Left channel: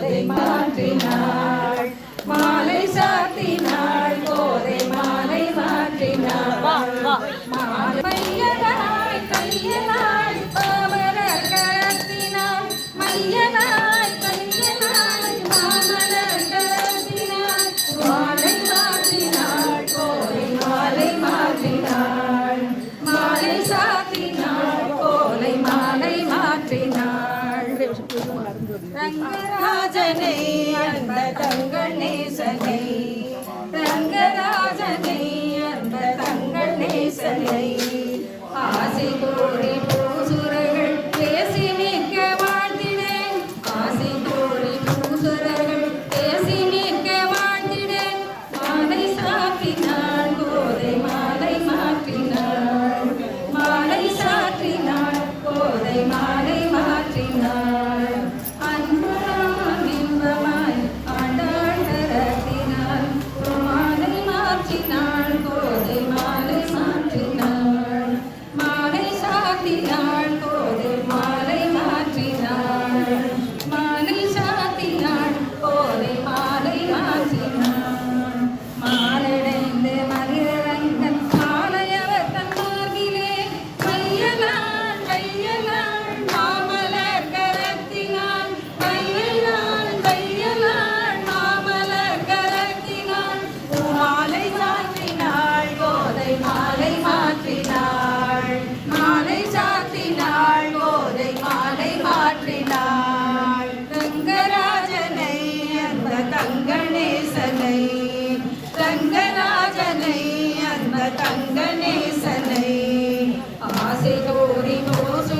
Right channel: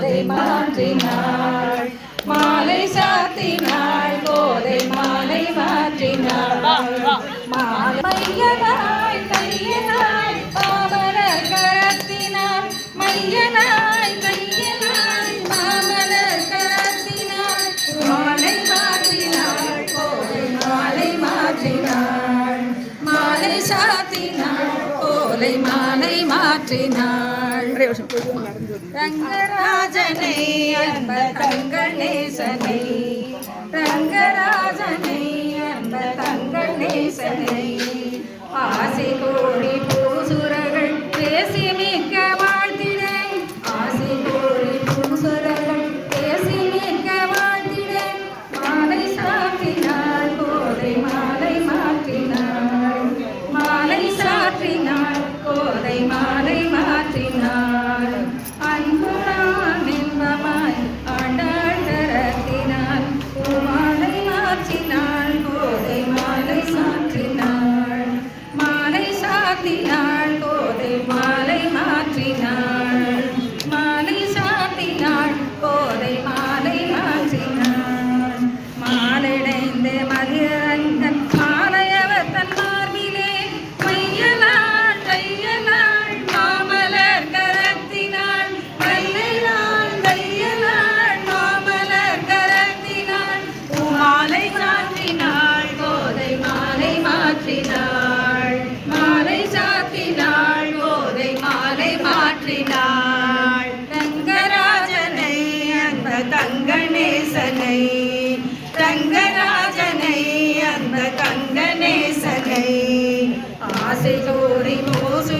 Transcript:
Monday night. ரங்கராஜனை அன்ப தங்கநேசனை. ரங்கராஜனை அன்ப தங்கநேசனை. ஆசை கோரி சாத்தினாள் கோதை மாலை மாற்றினாள். மாலை சாத்தினாள் கோதை மாலை மாற்றினாள். மாலைடைந்த மதிரங்கன் மாலையவர் தன் மார்பிலே மையலாள் கையலாள் மாமலர் கரத்தினாள். மையலாள் கையலாள் மாமலர் கரத்தினாள். மாலை சாற்றினாள் கோதை மாலை தந்த நேசனை ஆசையோரி மோசு